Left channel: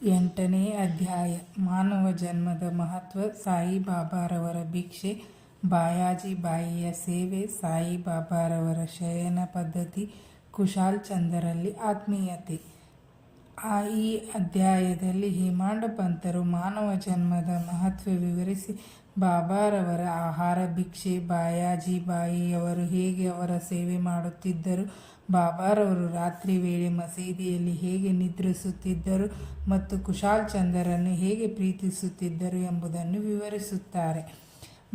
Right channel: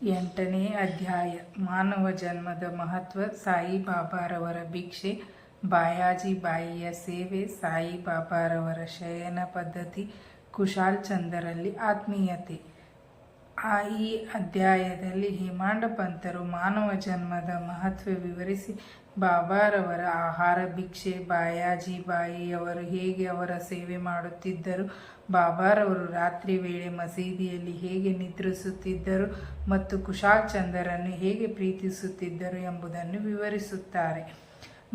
8ನೇ ಅಧ್ಯಾಯ ಮಾನವ ಜನ್ಮದ ಮಹತ್ವ. ಸಾಯಿಬಾಬಾರವರ ಭಿಕ್ಷೆ, ಬಾಯಾಜಿ ಬಾಯಿಯ ಸೇವೆ, ಸಾಯಿಬಾಬಾರವರ ಶಯನ ಪದ್ಧತಿ, ಕುಶಾಲ್ ಚಂದರಲ್ಲಿ ಆತ್ಮೀಯತೆ. ಈ ಅಧ್ಯಾಯದಲ್ಲಿ ಹೇಮಾಂಡ ಪಂತರು ಮಾನವ ಜನ್ಮದ ಮಹತ್ವ ವಿವರಿಸಿ ಬಾಬಾರವರ ಆಹಾರ, ಭಿಕ್ಷೆ, ಬಾಯಾಜಿ ಬಾಯಿಯವರು ಹೇಗೆ ಅವರ ಸೇವೆ ಮಾಡುತ್ತಿದ್ದರು, ಬಾಬಾರವರು ರಾತ್ರಿ ವೇಳೆ ಮಸೀದಿಯಲ್ಲಿ ಹೇಗೆ ನಿದ್ರಿಸುತ್ತಿದ್ದರು ಮತ್ತು ಕುಶಾಲ್ ಚಂದರನ್ನು ಹೇಗೆ ಪ್ರೀತಿಸುತ್ತಿದ್ದರು ಎಂಬುದನ್ನು ವಿವರಿಸುತ್ತಾರೆ.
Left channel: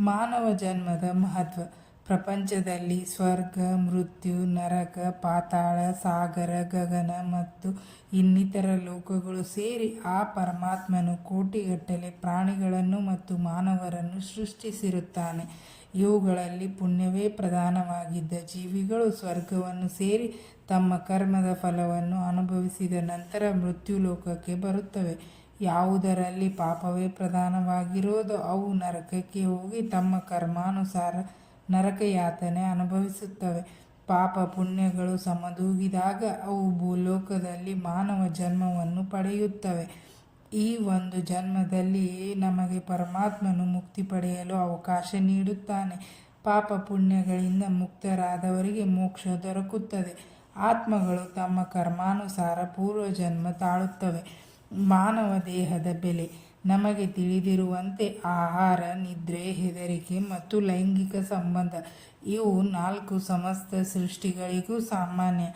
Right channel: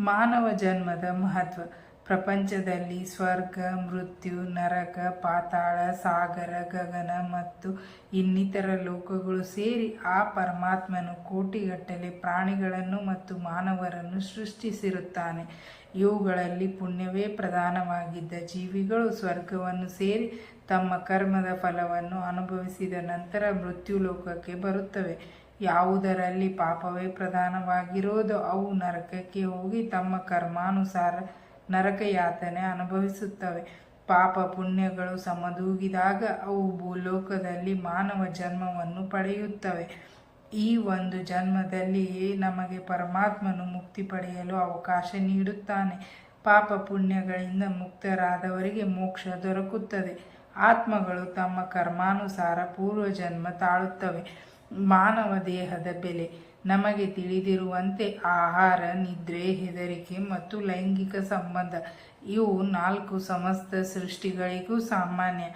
ಮಾನವ ಜನ್ಮದ ಮಹತ್ವ. ಪ್ರಪಂಚದಲ್ಲಿ ಸ್ವರ್ಗ, ಮೃತ್ಯು, ನರಕ, ಪಾತಾಳ, ಸಾಗರ, ಗಗನ ಮತ್ತು ಇನ್ನಿತರ ಲೋಕಗಳು ಸೇರಿ ಆ ಪರಮಾತ್ಮನು ಕೋಟಿಗಟ್ಟಲೆ ಪ್ರಾಣಿಗಳನ್ನು ಮತ್ತು ಮಾನವರನ್ನು ಸೃಷ್ಟಿಸಿರುತ್ತಾನೆ. ಇವುಗಳಲ್ಲಿ ಪುಣ್ಯವೇ ಪ್ರಧಾನವಾಗಿದ್ದ ಜೀವಿಗಳು ಸ್ವರ್ಗವನ್ನು ಸೇರಿ ತಮ್ಮ ಕರ್ಮದ ಫಲವನ್ನು ಅನುಭವಿಸಿದ ನಂತರ ಮೃತ್ಯುಲೋಕಕ್ಕೆ ಬರುತ್ತವೆ. ಯಾವುದರಲ್ಲಿ ಪಾಪವೇ ಪ್ರಧಾನವಾಗಿರೋದೋ ಅವು ನರಕಕ್ಕೆ ಹೋಗಿ ತಮ್ಮ ಕರ್ಮಾನುಸಾರ ನರಕ ಯಾತನೆ ಅನುಭವಿಸುತ್ತವೆ. ಪಾಪ ಪುಣ್ಯಗಳು ಸಮದೂಗಿದಾಗ ಅವು ಭೂಲೋಕದಲ್ಲಿ ಮಾನವ ಜನ್ಮವನ್ನು ಪಡೆಯುತ್ತವೆ. ಈ ಒಂದು ಜನ್ಮದಲ್ಲಿಯೇ ನಮಗೆ ಪರಮಾತ್ಮನು ಮುಕ್ತಿ ಪಡೆಯಲು ಅವಕಾಶ ನೀಡುತ್ತಾನೆ. ಪಾಪ ಪುಣ್ಯಗಳಿಂದ ಮುಕ್ತರಾದವರಿಗೆ ಮೋಕ್ಷ ದೊರಕುತ್ತದೆ. ಆತ್ಮಗಳು ತಮ್ಮ ಕರ್ಮಾನುಸಾರ ಪೂರ್ವ ಜನ್ಮ ತಾಳುತ್ತವೆ. ಮಾನವ ದೇಹದ ಬೆಲೆ. ನಮಗೆ ತಿಳಿದಿರುವಂತೆ ಆಹಾರ, ನಿದ್ರೆ, ಹೆದರಿಕೆ ಮತ್ತು ಲೈಂಗಿಕ ಸಂಬಂಧ ಇವು 4 ಸಮಸ್ತ ಸೃಷ್ಟಿಗಳಿಗೂ ಸಾಮಾನ್ಯ.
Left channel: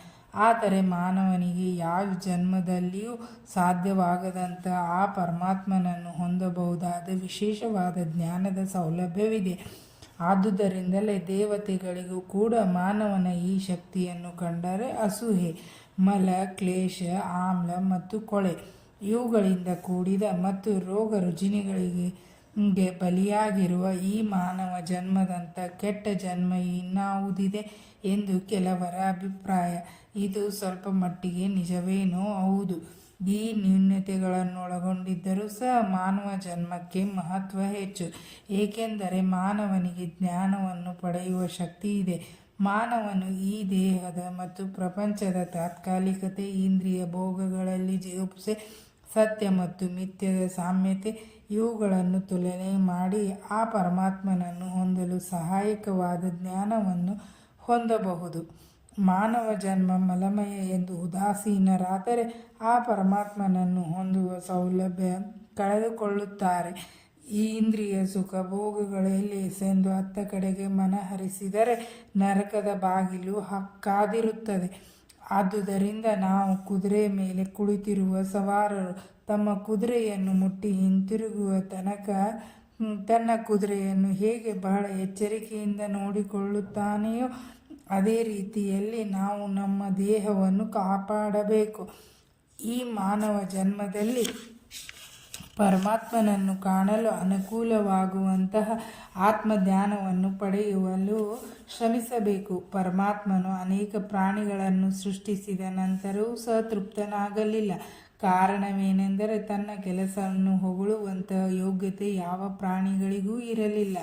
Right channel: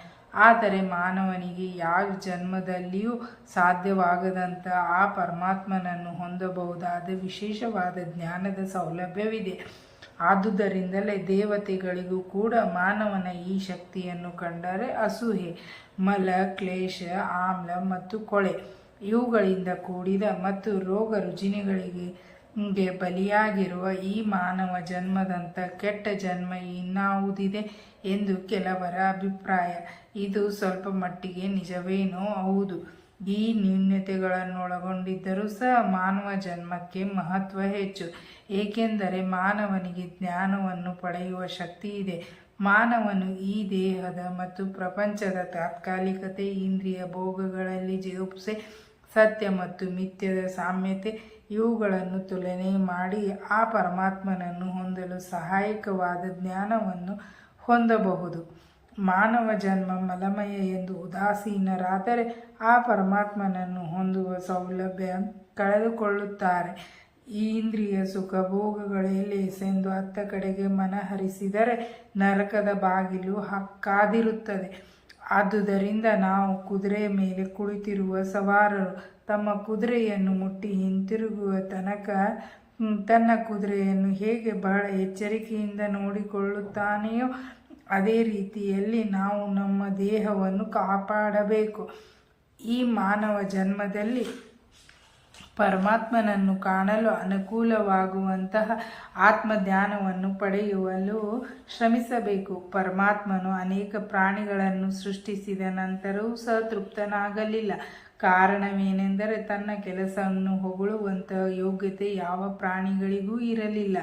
ಆದರೆ ಮಾನವನಿಗೆ ಯಾವ ಜನ್ಮದಲ್ಲಿಯೂ ಸಾಧ್ಯವಾಗದಂಥ ಆ ಪರಮಾತ್ಮನನ್ನು ಹೊಂದಬಹುದಾದ ವಿಶೇಷವಾದ ಜ್ಞಾನದ ಸೌಲಭ್ಯವಿದೆ. ಆದುದರಿಂದಲೇ ದೇವತೆಗಳಿಗೂ ಕೂಡ ಮಾನವನ ಈ ಶಕ್ತಿಯನ್ನು ಕಂಡರೆ ಅಸೂಹೆ. ಮಲ, ಕ್ಲೇಶ, ಆಮ್ಲ ಮತ್ತು ಕೊಳೆ ಇವುಗಳಿಂದ ಕೂಡಿದ ಮತ್ತು ರೋಗ ರುಜಿನಗಳಿಗೆ ಬಲಿಯಾಗಿರುವ ಈ ಮಾನವ ಜನ್ಮದಂಥ ಕೆಟ್ಟ ಜನ್ಮ ಇನ್ನಾವುದಿದೆ ಎಂದು ಕೆಲವರ ಅಭಿಪ್ರಾಯ. ಇದು ಸ್ವಲ್ಪ ಮಟ್ಟಿಗೆ ನಿಜವೇನೋ ಹೌದು. ಈ ನ್ಯೂನತೆಗಳನ್ನೊಳಗೊಂಡಿದ್ದರೂ ಸಹ ಮಾನವ ಜನ್ಮಕ್ಕೆ ಮಹತ್ವ ಹೆಚ್ಚು. ಏಕೆಂದರೆ ಮಾನವನಿಗೆ ಜ್ಞಾನವನ್ನು ಪಡೆಯುವ ಶಕ್ತಿ ಇದೆ. ಮಾನವನು ಈ ದೇಹದ ಮತ್ತು ಪ್ರಪಂಚದ ತಾತ್ಕಾಲಿಕತೆ, ಇಂದ್ರಿಯ ಭೋಗಗಳಲ್ಲಿ ಜಿಗುಪ್ಸೆ, ಸತ್ಯ ಮತ್ತು ಮಿಥ್ಯದ ಸಾಮ್ಯತೆ ಇವುಗಳನ್ನು ತುಲನೆ ಮಾಡಿ ಆ ಪರಮಾತ್ಮನನ್ನು ಹೊಂದಲು ಸಹಾಯಕವಾದ ಜ್ಞಾನವನ್ನು ಹೊಂದಬಹುದು. ಮಾನವ ಜನ್ಮ ಮಲಮಯ ಎಂದು ಉದಾಸೀನರಾದರೆ ಆ ಪರಮಾತ್ಮನನ್ನು ಹೊಂದುವ ಸೌಲಭ್ಯ ಕಳೆದುಕೊಳ್ಳುತ್ತಾರೆ. ಈ ಇಂದ್ರಿಯ ಸುಖ ಭೋಗಗಳಲ್ಲಿ ಎಸೆಂದು ಅತ್ತ ಕಡೆಗೆ ಮನಹರಿಸಿದರೆ ನರಕದ ಬಾಗಿಲು ಕಾದಿರುತ್ತದೆ. ಆದುದರಿಂದ ನಾವು ಕುದುರೆಯ ಮೇಲೆ ಕುಳಿತಿರುವ ಸವಾರರು ತಮ್ಮ ಕುದುರೆಯನ್ನು ಮುಟ್ಟಿ ಹಿಂತಿರುಗುವ ತನಕ ತನ್ನ ಕುದುರೆಯನ್ನು ಹೇಗೆ ಬಹಳ ಎಚ್ಚರಿಕೆಯಿಂದ ನೋಡಿಕೊಳ್ಳುತ್ತಾನೆಯೋ ಅದೇ ರೀತಿಯಲ್ಲಿ ನಾವು ನಮ್ಮ ದೇಹವನ್ನು ಕಾಪಾಡಬೇಕು. ಈ ಮಾನವ ಜನ್ಮದಲ್ಲಿ ಪರಮಾತ್ಮನನ್ನು ಕಾಣಲು ಅನುಕೂಲವಾಗುವಂತಹ ಆತ್ಮಜ್ಞಾನವನ್ನು ಪಡೆಯಲು ಶ್ರಮಿಸಬೇಕು. ಪರಮಾತ್ಮನು ಅನೇಕ ಪ್ರಾಣಿಗಳನ್ನು ಸೃಷ್ಟಿಸಿದ ನಂತರವೂ ಸಹ ತೃಪ್ತನಾಗಲಿಲ್ಲ. ಕಾರಣವೇನೆಂದರೆ ತನ್ನ ಕೆಲಸವನ್ನು ಹೊಗಳುವಂತಹ ಯೋಗ್ಯತೆ ಯಾವ ಪ್ರಾಣಿಗಳಿಗೂ ಇರಲಿಲ್ಲ.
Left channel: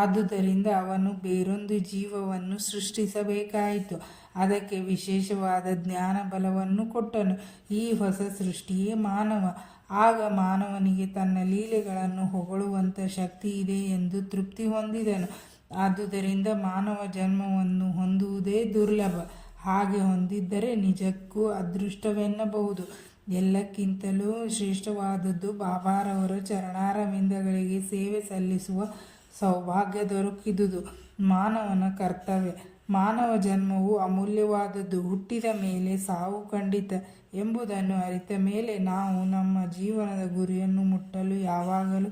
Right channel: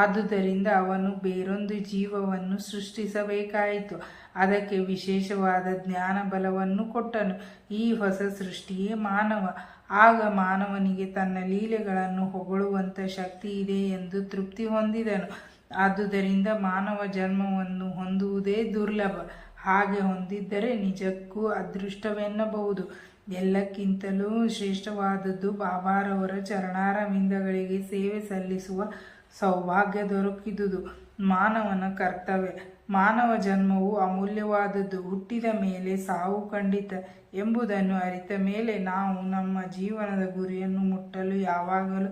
ಆದುದರಿಂದ ಅವನು ಬೇರೊಂದು ಜೀವವನ್ನು ಸೃಷ್ಟಿಸಬೇಕಾಯಿತು. ಅದಕ್ಕೆ ವಿಶೇಷವಾದ ಜ್ಞಾನ ಬಲವನ್ನು ಕೊಟ್ಟನು. ಈ ಹೊಸ ಸೃಷ್ಟಿಯೇ ಮಾನವ. ಆಗ ಮಾನವನಿಗೆ ತನ್ನ ಲೀಲೆಗಳನ್ನು ಹೊಗಳುವಂಥ ಶಕ್ತಿ ಇದೆ ಎಂದು ತೃಪ್ತಿ ಹೊಂದಿದನು. ಆದುದರಿಂದ ಮಾನವ ಜನ್ಮವನ್ನು ಹೊಂದುವುದೇ ದುರ್ಲಭ. ಹಾಗೆ ಹೊಂದಿದ್ದರೆ ನಿಜಕ್ಕೂ ಅದೃಷ್ಟವೆನ್ನಬಹುದು. ಎಲ್ಲಕ್ಕಿಂತಲೂ ಶ್ರೇಷ್ಠವಾದದ್ದು ಬಾಬಾರವರ ಚರಣಾರವಿಂದಗಳಿಗೆ ಸೇವೆ ಸಲ್ಲಿಸುವ ಸೌಭಾಗ್ಯ ದೊರಕಿದುದು ಮಾನವನ ಕರ್ತವ್ಯ. ಮಾನವ ಜನ್ಮವು ಅಮೂಲ್ಯವಾದದ್ದು. ಹುಟ್ಟಿದ ಮೇಲೆ ಸಾವು ಖಂಡಿತ ಎಂಬುದನ್ನು ಅರಿತ ಮೇಲೆ ನಾವು ನಮ್ಮ ಜೀವನದ ಗುರಿಯನ್ನು ಮುಟ್ಟಲು ಯಾವಾಗಲೂ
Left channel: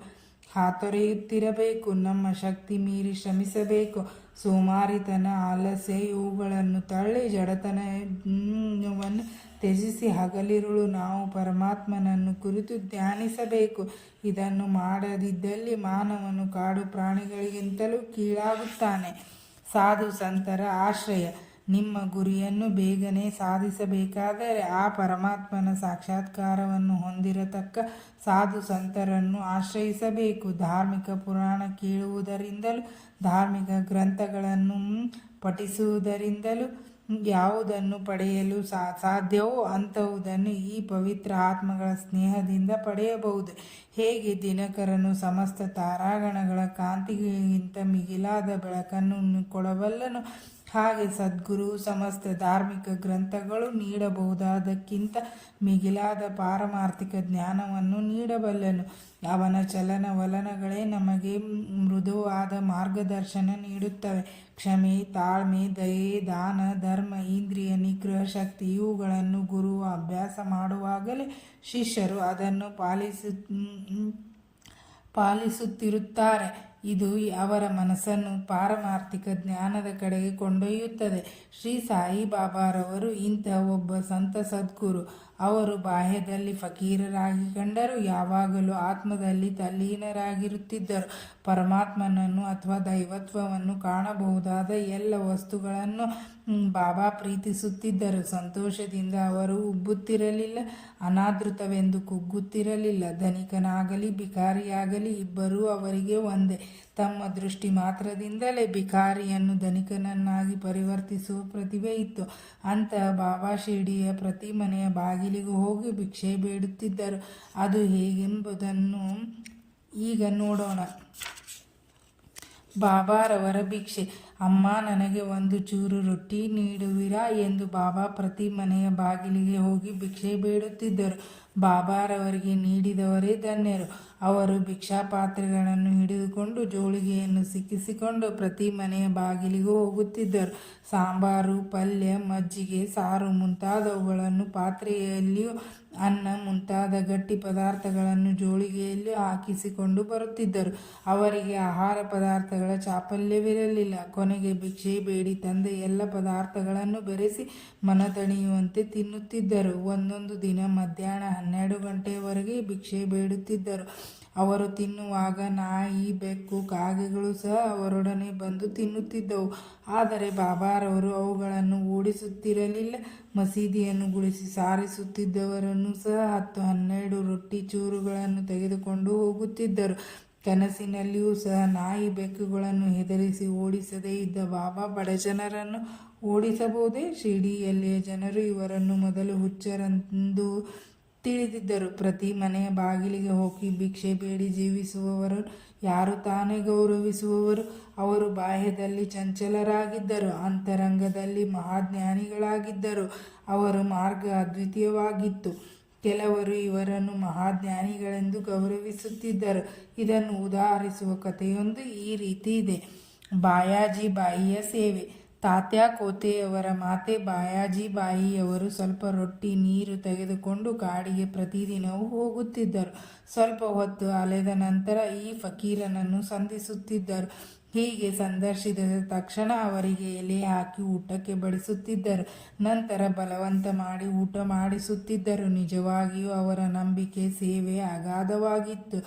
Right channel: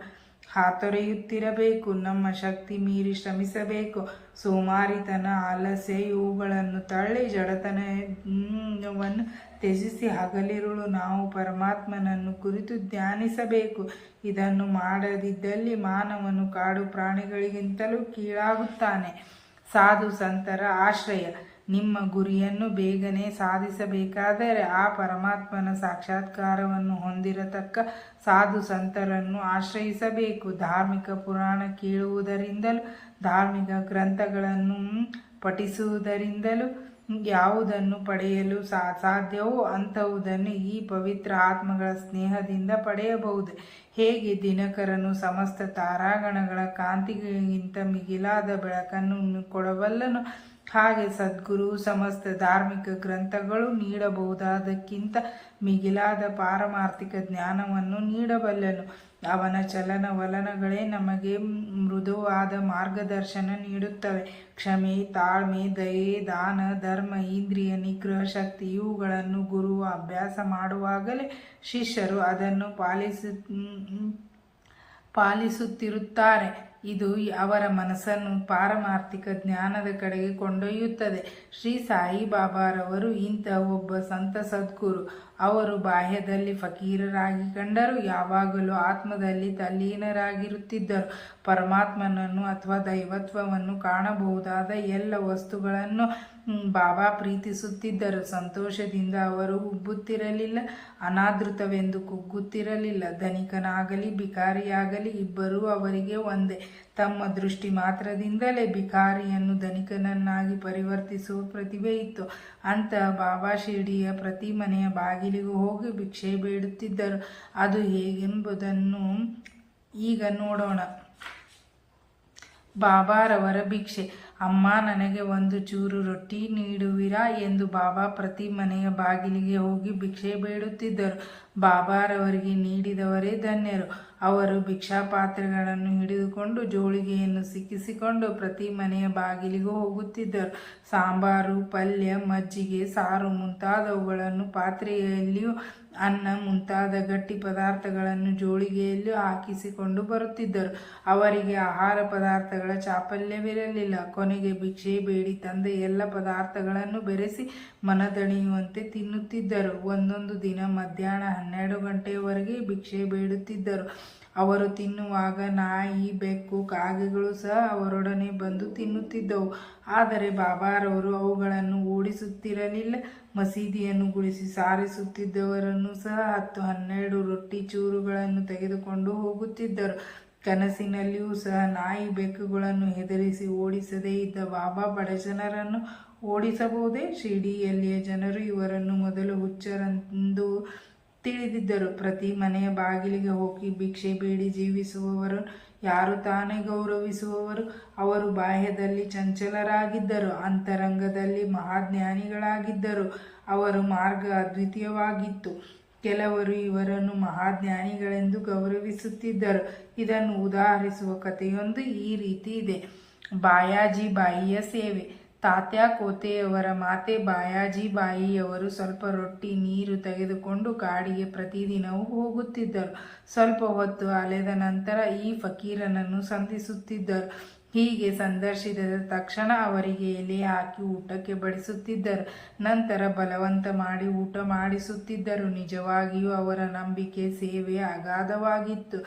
ಹಾತೊರೆಯುತ್ತಿರಬೇಕು. ನಮ್ಮ ಶಕ್ತಿ ಮೀರಿ ಶ್ರಮಿಸಬೇಕು. ಸೋಮಾರಿತನ, ಆಲಸ್ಯ ಇವುಗಳನ್ನು ತಳ್ಳಿ ಜಡತನವನ್ನು ತ್ಯಜಿಸಿ ಹಗಲಿರುಳು ನಾವು ಪರಮಾತ್ಮನನ್ನು ಕುರಿತು ಧ್ಯಾನಿಸಬೇಕು. ಇದನ್ನು ಮಾಡದಿದ್ದಲ್ಲಿ ಮಾನವನು ಕಾಡು ಪ್ರಾಣಿಗಳಿಗಿಂತಲೂ ಕೀಳಾಗುತ್ತಾನೆ. ಸಾಧು ಸಂತರ ಆಶ್ರಯ. ನಿಮ್ಮ ಗುರಿಯನ್ನು ಬೇಗನೆ ಸಾಧಿಸಬೇಕಾದರೆ ಆ ಪರಮಾತ್ಮನ ಸಾಕ್ಷಾತ್ಕಾರವನ್ನು ಹೊಂದಿರತಕ್ಕ ಸಾಧು ಸಂತರನ್ನು ಆಶ್ರಯಿಸಬೇಕು. ಧಾರ್ಮಿಕ ಪುರಾಣ ಕೇಳುವುದರಿಂದಲೂ ಧಾರ್ಮಿಕ ಗ್ರಂಥಗಳನ್ನು ಪಠಿಸುವುದರಿಂದಲೂ ಯಾವುದನ್ನು ಪಡೆಯಲು ಸಾಧ್ಯವೋ ಅಂಥವುದನ್ನು ಈ ಪವಿತ್ರ ಆತ್ಮಗಳ ಸ್ನೇಹದಿಂದ ಪಡೆಯಬಹುದು. ಹೇಗೆ ದಿನಕರನು ಸಮಸ್ತ ತಾರಾಗಣಗಳ ಕಾಂತಿಗಿಂತ ಮಿಗಿಲಾದ ಬೆಳಕನ್ನು ಕೊಡಬಲ್ಲನು, ಹಾಗೆ ಸದ್ಗುರು ಸಮಸ್ತ ಧಾರ್ಮಿಕ ಗ್ರಂಥಗಳು ನೀಡಬಹುದಾದಕ್ಕಿಂತ ಮಿಗಿಲಾದ ಪಾರಮಾರ್ಥಿಕ ಜ್ಞಾನವನ್ನು ನೀಡಬಲ್ಲನು. ಅವನ ಚಲನವಲನಗಳೇ ನಮಗೆ ಮೃದುವಾದ ಮಾರ್ಗದರ್ಶನ ನೀಡುತ್ತವೆ. ಕ್ಷಮೆ, ತಾಳ್ಮೆ, ದಯೆ, ದಾನ, ಧರ್ಮ, ಇಂದ್ರಿಯ ನಿಗ್ರಹ ಶಕ್ತಿ ಇವುಗಳನ್ನು ಗುರುವ ಅಭ್ಯಾಸ ಮಾಡುವಾಗಲೇ ಶಿಷ್ಯರು ಅದನ್ನು ಪಾಲಿಸುತ್ತಿರುತ್ತಾರೆ. ಇದು ಅವರ ಮನಸ್ಸನ್ನು ಪಾರಮಾರ್ಥಿಕ ಜ್ಞಾನದ ಕಡೆಗೆ ಕೊಂಡೊಯ್ಯುತ್ತದೆ. ಶ್ರೀ ಸಾಯಿಬಾಬಾರವರು ಇಂತಹ ಒಬ್ಬ ಸಂತ ಸದ್ಗುರು. ಅವರು ಬಾಹ್ಯದಲ್ಲಿ ಫಕೀರರಾಗಿ ಕಂಡರೂ ಯಾವಾಗಲೂ ಆತ್ಮದಲ್ಲಿ ತಲ್ಲೀನರಾಗಿರುತ್ತಿದ್ದರು. ಪರಮಾತ್ಮನನ್ನು ಅಥವಾ ದೈವತ್ವವನ್ನು ಕಾಣಬಹುದಾದ ಎಲ್ಲ ವಸ್ತುಗಳನ್ನು ಬಾಬಾ ಪ್ರೀತಿಸುತ್ತಿದ್ದರು. ಸಂತೋಷದಿಂದ ಅವರು ಉಬ್ಬುತ್ತಿರಲಿಲ್ಲ, ಅನಾದೃತವೆಂದು ಕುಗ್ಗುತ್ತಿರಲಿಲ್ಲ. ಧನಿಕನಾಗಲಿ ಭಿಕಾರಿಯಾಗಲಿ ಇಬ್ಬರೂ ಅವರಿಗೆ ಒಂದೇ. ತಮ್ಮ ದೃಷ್ಟಿ ಮಾತ್ರದಿಂದಲೇ ಭಿಕಾರಿಯನ್ನು ಧನಿಕನನ್ನಾಗಿ ಪರಿವರ್ತಿಸುವ ಪ್ರತಿಭೆ ಇತ್ತು. ಅಂತಹ ಬಾಬಾ ಶಿರ್ಡಿಯ ಪ್ರತಿ ಮನೆಯ ಬಾಗಿಲಿಗೂ ಹೋಗಿ ಭಿಕ್ಷೆ ಬೇಡುತ್ತಿದ್ದರು. ಅದು ಹೇಗೆಂಬುದನ್ನು ಈಗ ನೋಡೋಣ. ಬಾಬಾರವರ ಭಿಕ್ಷೆ. ಅಮ್ಮ, ನನಗೆ ಒಂದು ಚೂರು ರೊಟ್ಟಿ ನೀಡುವಿರಾ ಎಂದು ಬಾಬಾ ಪ್ರತಿ ಮನೆಯ ಬಾಗಿಲಿಗೆ ಹೋಗಿ ಭಿಕ್ಷೆ ಬೇಡುತ್ತಿದ್ದರು. ಬಾಬಾರವರಿಗೆ ನೀಡಿದವರೇ ಧನ್ಯರು. ಅವರು ಭಿಕ್ಷಾಪಾತ್ರೆಗಳನ್ನು ಹಿಡಿದುಕೊಂಡು ಜೋಳಿಗೆಯನ್ನು ಸಿಕ್ಕಿಸಿಕೊಂಡು ಪ್ರತಿ ಮನೆಯ ಬಾಗಿಲಿಗೂ ಹೋಗುತ್ತಿದ್ದರು. ಸಾಂಬಾರು, ಪಲ್ಯ, ಮಜ್ಜಿಗೆ, ಸಾರು ಮುಂತಾದವುಗಳನ್ನು ಪಾತ್ರೆಯಲ್ಲಿಯೂ, ಅನ್ನ ಮುಂತಾದ ಗಟ್ಟಿ ಪದಾರ್ಥಗಳನ್ನು ಜೋಳಿಗೆಯಲ್ಲಿಯೂ ಹಾಕಿಸಿಕೊಂಡು ಬರುತ್ತಿದ್ದರು. ಅವರಿಗೆ ಆಹಾರ ಪದಾರ್ಥಗಳ ಚಾಪಲ್ಯವಿರಲಿಲ್ಲ. ಕೊನೆಗೆ ಭಿಕ್ಷೆ ಬೇಡಿ ತಂದ ಎಲ್ಲ ಪದಾರ್ಥಗಳನ್ನು ಬೆರೆಸಿ ಮನದಣಿಯುವಂತೆ ತಿನ್ನುತ್ತಿದ್ದರು. ಒಂದೊಂದು ದಿನ ಮಧ್ಯಾಹ್ನ 12 ಗಂಟೆಯವರೆಗೆ ಭಿಕ್ಷೆ ಬೇಡುತ್ತಿದ್ದರು. ಅವರು ತಿನ್ನುವಾಗ ನಾಯಿ, ಬೆಕ್ಕು, ಕಾಗೆಗಳು ಸಹ ಅವರೊಡನೆ ಬಂದು ತಿನ್ನುತ್ತಿದ್ದವು. ಆದರೆ ಬಾಬಾರವರು ಅವುಗಳನ್ನು ಓಡಿಸುತ್ತಿರಲಿಲ್ಲ. ಮಸೀದಿಯನ್ನು ಗುಡಿಸಿ ಸಾರಿಸುತ್ತಿದ್ದವರನ್ನು ಸಹ 10-12 ರೊಟ್ಟಿ ಚೂರುಗಳನ್ನು ತೆಗೆದುಕೊಂಡು ಹೋಗುತ್ತಿದ್ದರು. ಕನಸಿನಲ್ಲಿಯೂ ಸಹ ನಾಯಿ, ಬೆಕ್ಕುಗಳನ್ನು ಹೆದರಿಸಿ ಓಡಿಸದೇ ಇದ್ದ ಬಾಬಾ ಬಡಜನರನ್ನು ಓಡಿಸಬಹುದೇ? ಶಿರ್ಡಿಯಲ್ಲಿಯ ಜನರು ಇವರನ್ನು ಮೊದಲು ಹುಚ್ಚರೆಂದು ತಿಳಿದಿದ್ದರು. ಪ್ರತಿ ಮನೆಯ ಬಾಗಿಲಿಗೆ ಹೋಗಿ ಭಿಕ್ಷೆ ಬೇಡಿ ಜೀವಿಸುವವರು ಯಾರು ತಾನೇ ಗೌರವಿಸುವವರು? ಅವರು ಬಾಹ್ಯದಲ್ಲಿ ಚಂಚಲರಾಗಿದ್ದರು, ಅಂತರಂಗದಲ್ಲಿ ಮಹಾಜ್ಞಾನಿಗಳಾಗಿದ್ದರು. ಅವರ ಮಾರ್ಗ ಅದ್ವಿತೀಯವಾಗಿತ್ತು. ಕೆಲವರು ಇವರನ್ನು ಮಹಾಜ್ಞಾನಿಗಳೆಂದು ಗೌರವಿಸುತ್ತಿದ್ದರು. ಇದನ್ನು ಉದಾಹರಿಸುವ ಕಥೆಯೊಂದು ಈ ರೀತಿ ಇದೆ. ಬಾಯಾಜಿ ಬಾಯಿಯ ಸೇವೆ. ತಾತ್ಯಾ ಕೋತೆಯವರ ಮಾತೆ ಬಾಯಾಜಿ ಬಾಯಿಯವರು ಸ್ವಲ್ಪ ರೊಟ್ಟಿ, ನೀರು ತೆಗೆದುಕೊಂಡು ಕಾಡಿಗೆ ಪ್ರತಿದಿನವೂ ಹೋಗುತ್ತಿದ್ದರು. ಸ್ವಲ್ಪ ಹೊತ್ತು ಅಲೆದ ನಂತರ ಈ ಫಕೀರನನ್ನು ಸಂಧಿಸುತ್ತಿದ್ದರು. ಹೀಗೆ ಸಂದರ್ಶಿಸಿದ ತಕ್ಷಣ ಅವರಿಗೆ ಎಲೆ ಹಾಕಿ ಊಟಕ್ಕೆ ಬಡಿಸುತ್ತಿದ್ದರು. ನಂತರ ಬಲವಂತ ಮಾಡಿ ಊಟ ಮಾಡಿಸುತ್ತಿದ್ದರು. ನಿಜವಾಗಿಯೂ ಅವರ ನಂಬಿಕೆ, ಸೇವೆ ಅಗಾಧವಾಗಿತ್ತು.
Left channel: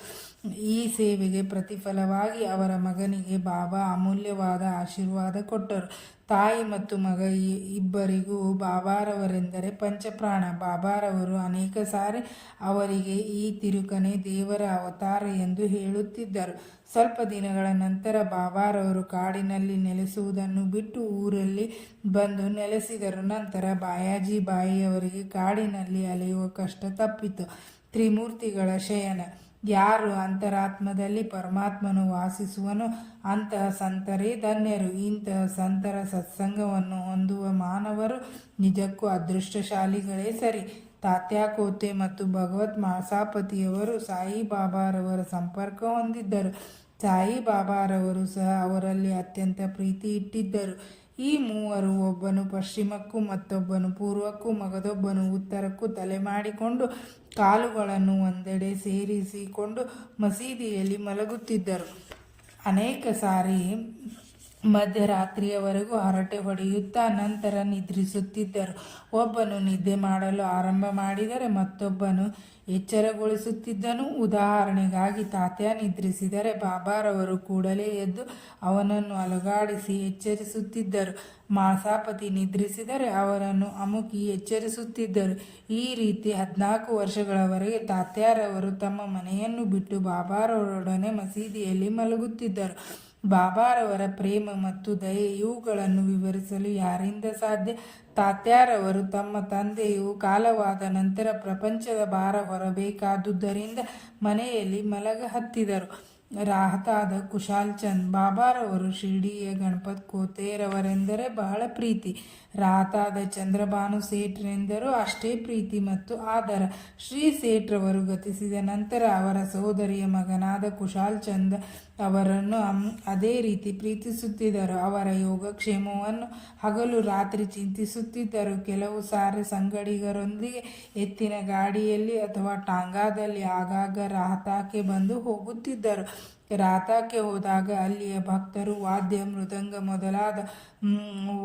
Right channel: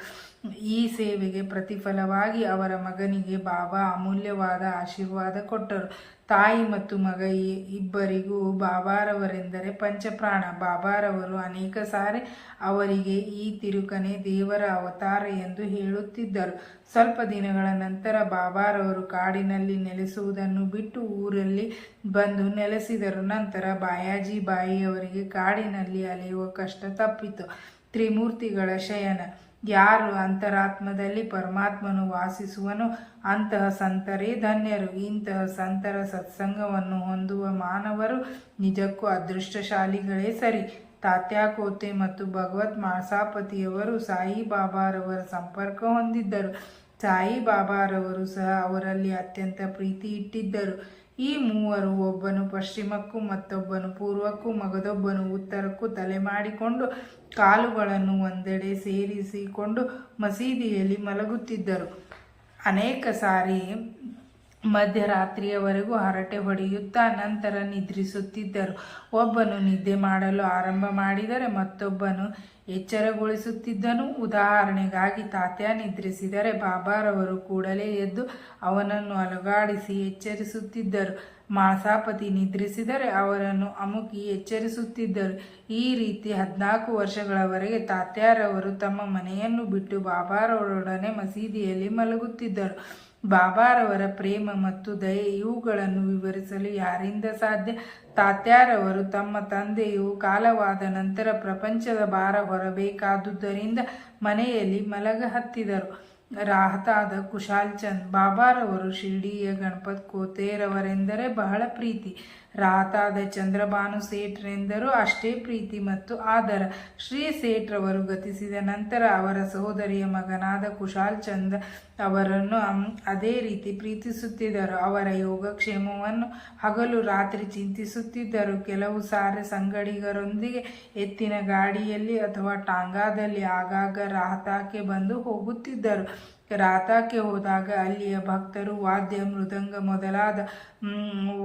ಈ ಸೇವೆಗೆ ಪ್ರತಿಫಲವಾಗಿ ಅವರ ಮಗನಿಗೆ ಬಾಬಾ ಅಮೂಲ್ಯವಾದ ಆಶೀರ್ವಾದ ಕೊಟ್ಟರು. ತಾಯಿ ಮತ್ತು ಮಗ ಇಬ್ಬರಿಗೂ ಬಾಬಾರವರೆಂದರೆ ಪಂಚಪ್ರಾಣ. ಬಾಬಾರವರು ಅನೇಕ ಸಾರಿ ಅವರಿಗೆ ಈ ತಿರುಕನೇ ದೇವರ ಅವತಾರ ಎಂದು ಹೇಳುತ್ತಿದ್ದರು. ಸ್ವಲ್ಪ ದಿನಗಳ ನಂತರ ಬಾಬಾರವರು ಕಾಡಿನಲ್ಲಿ ನೆಲೆಸುವುದನ್ನು ಬಿಟ್ಟು ಊರಲ್ಲಿ ಬಂದು ನೆಲೆಸಿದರು. ನಂತರ ಬಾಯಾಜಿ ಬಾಯಿಯವರಿಗೆ ಕಾಡಿನಲ್ಲಿ ಅಲೆಯುವ ಕಷ್ಟ ತಪ್ಪಿತು. ತ್ರಿಮೂರ್ತಿಗಳ ಶಯನ. ಯಾರು ಅಂತರಾತ್ಮದಲ್ಲಿ ಪರಮಾತ್ಮನು ವಾಸಿಸುವನೋ ಅಂತಹ ಸಂತರೇ ಧನ್ಯರು. ಇಂತಹ ಸಂತರ ಸತ್ಸಂಗವನ್ನು ಹೊಂದುವ ಮಾನವರು ನಿಜಕ್ಕೂ ಅದೃಷ್ಟಶಾಲಿಗಳೇ ಸರಿ. ತಾತ್ಯಾ ಕೋತೆ ಮತ್ತು ಭಗವತ್ ಮಾಸಾಪತಿಯವರು ಸಾಯಿಬಾಬಾರವರ ಸಂಪರ್ಕ ಹೊಂದಿದ್ದರು. ಸಾಯಿಬಾಬಾರವರು ಸಹ ಅವರಲ್ಲಿ ಅತ್ಯಂತ ಪ್ರೀತಿ ಇಟ್ಟಿದ್ದರು. ಈ ಮೂವರು, ಒಬ್ಬನು ಪಶ್ಚಿಮಕ್ಕೂ ಮತ್ತೊಬ್ಬನು ಪೂರ್ವಕ್ಕೂ ಮಗದೊಬ್ಬನು ಉತ್ತರಕ್ಕೂ ತಲೆ ಮಾಡಿಕೊಂಡು ಕಾಲುಗಳನ್ನು ಒಂದೆಡೆ ಸೇರಿಸಿಕೊಂಡು ಮಸೀದಿಯಲ್ಲಿ ಮಲಗುತ್ತಿದ್ದರು. ಅನೇಕ ಸಾರಿ ಮಧ್ಯರಾತ್ರಿಯವರೆಗೂ ಹರಟೆ ಹೊಡೆಯುತ್ತಾ ನಂತರ ನಿದ್ರಿಸುತ್ತಿದ್ದರು. ಒಬ್ಬನು ನಿದ್ದೆ ಮಾಡಲು ಆರಂಭ ಮಾಡಿದರೆ ಮತ್ತೊಬ್ಬನು ಎಚ್ಚರಗೊಳಿಸುತ್ತಿದ್ದನು. ಉದಾಹರಣೆಗಾಗಿ ತಾತ್ಯಾ ನಿದ್ರಿಸಿದರೆ ಬಾಬಾರವರು ಕೂಡಲೇ ಎದ್ದು ಅವನನ್ನು ಅಲುಗಾಡಿಸಿ ಎಚ್ಚರಿಸುತ್ತಿದ್ದರು. ಮಾಸಾಪತಿ ನಿದ್ರಿಸಿದರೆ ಅವರನ್ನು ಅಮುಕಿ ಎಚ್ಚರಿಸುತ್ತಿದ್ದರು. ಈ ರೀತಿ 14 ವರ್ಷಗಳವರೆಗೆ ತಾತ್ಯಾರವರು ತಮ್ಮ ಮನೆಯನ್ನು ಬಿಟ್ಟು ಬಾಬಾರವರೊಡನೆ ಮಸೀದಿಯಲ್ಲಿ ಮಲಗುತ್ತಿದ್ದರು. ಬಾಬಾರವರ ಪ್ರೇಮ ಮತ್ತು ದಯೆ ಇವುಗಳನ್ನು ವಿವರಿಸಲು ಯಾರಿಂದ ಸಾಧ್ಯ? ತಾತ್ಯಾರವರು ತಮ್ಮ ತಂದೆಯು ಕಾಲವಾದ ನಂತರ ಪ್ರಪಂಚದ ಭಾರ ಹೊರಬೇಕಾದುದರಿಂದ ಮನೆಯಲ್ಲಿ ಮಲಗ ಹತ್ತಿದರು. ರಾಹತಾದ ಕುಶಾಲ್ ಚಂದ್ ಬಾಬಾರವರು ಶಿರ್ಡಿಯ ಗಣಪತ್ ಕೋತೆರವರೆಂದರೆ ಬಹಳ ಪ್ರೀತಿ. ರಾಹತಾದ ಚಂದ್ರಭಾನು ಸೇಠ್ರೆಂದರೂ ಅಷ್ಟೇ ಪ್ರೀತಿ ಮತ್ತು ಆದರ. ಶ್ರೀ ಸೇಠ್ರವರು ಗತಿಸಿದ ನಂತರ ಅವರ ಸಹೋದರಿಯ ಮಗನಾದ ಕುಶಾಲ್ ಚಂದ್ ಅವರನ್ನು ಅದೇ ರೀತಿ ಪ್ರೀತಿಸುತ್ತಿದ್ದರು. ಅವರ ಯೋಗಕ್ಷೇಮವನ್ನು ಹಗಲು ರಾತ್ರಿ ಚಿಂತಿಸುತ್ತಿದ್ದರು. ಕೆಲವು ಸಾರಿ ಸಂಗಡಿಗರೊಂದಿಗೆ ಎತ್ತಿನ ಗಾಡಿಯಲ್ಲಿ ಅಥವಾ ಟಾಂಗಾದಲ್ಲಿ ಆಗಾಗ ರಾಹತಾಕ್ಕೆ ಬಂದು ಹೋಗುತ್ತಿದ್ದರು. ರಾಹತಾಕ್ಕೆ ಹೋದಾಗ ಅಲ್ಲಿಯ ಭಕ್ತರು ವಾದ್ಯ ಮೃದಂಗ ಮೊದಲಾದ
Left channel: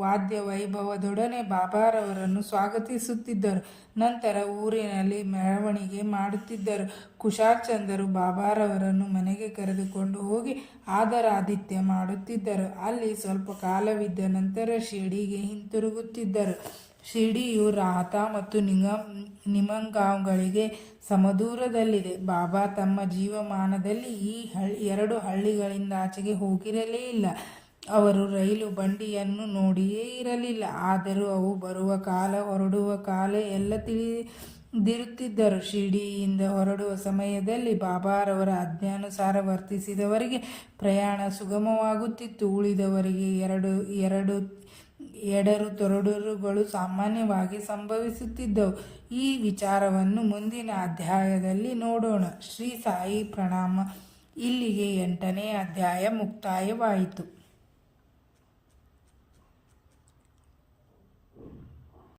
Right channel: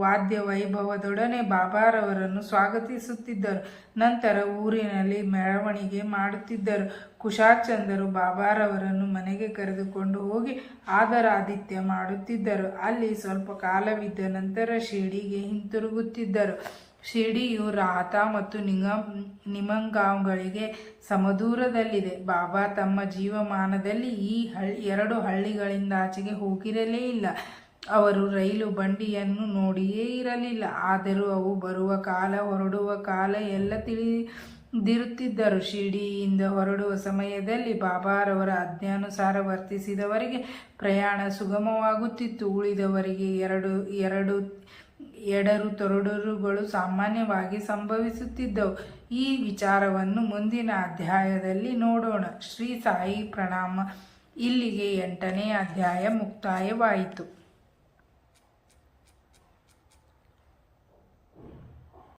ವಾದ್ಯ ವೈಭವದೊಡನೆ ಬಾಬಾರವರನ್ನು ಸ್ವಾಗತಿಸುತ್ತಿದ್ದರು. ನಂತರ ಊರಿನಲ್ಲಿ ಮೆರವಣಿಗೆ ಮಾಡುತ್ತಿದ್ದರು. ಕುಶಾಲ್ಚಂದರು ಬಾಬಾರವರನ್ನು ಮನೆಗೆ ಕರೆದುಕೊಂಡು ಹೋಗಿ ಆದರಾದಿತ್ಯ ಮಾಡುತ್ತಿದ್ದರು. ಅಲ್ಲಿ ಸ್ವಲ್ಪ ಕಾಲವಿದ್ದ ನಂತರ ಶಿರ್ಡಿಗೆ ಹಿಂತಿರುಗುತ್ತಿದ್ದರು. ಶಿರ್ಡಿಯು ರಾಹತಾ ಮತ್ತು ನಿಮಂಗಾಂವ್ಗಳಿಗೆ ಸಮದೂರದಲ್ಲಿದೆ. ಬಾಬಾ ತಮ್ಮ ಜೀವಮಾನದಲ್ಲಿ ಈ ಎರಡು ಹಳ್ಳಿಗಳಿಂದಾಚೆಗೆ ಹೋಗಿರಲೇ ಇಲ್ಲ. ಅವರು ರೈಲು ಬಂಡಿಯನ್ನು ನೋಡಿಯೇ ಇರಲಿಲ್ಲ. ಆದರೂ ಅವು ಬರುವ ಕಾಲ ಹೊರಡುವ ಕಾಲ ಎಲ್ಲ ತಿಳಿದಿರುತ್ತಿದ್ದರು. ಶಿರ್ಡಿಯಿಂದ ಹೊರಡುವ ಸಮಯದಲ್ಲಿ ಬಾಬಾರವರ ಆಜ್ಞಾನುಸಾರ ವರ್ತಿಸಿದವರಿಗೆ ಪ್ರಯಾಣ ಸುಗಮವಾಗುತ್ತಿತ್ತು. ಉಳಿದವರಿಗೆ ಎಡರು ತೊಡರುಗಳು ಸಾಮಾನ್ಯವಾಗಿ ಸಂಭವಿಸುತ್ತಿದ್ದವು. ಈ ವಿಚಾರವನ್ನು ಮುಂದಿನ ಅಧ್ಯಾಯದಲ್ಲಿ ನೋಡೋಣ. ಶ್ರೀ ಸಾಯಿ ಪ್ರಣಾಮ. ಇಲ್ಲಿಗೆ 8ನೇ ಅಧ್ಯಾಯ ಮುಕ್ತಾಯವಾಯಿತು.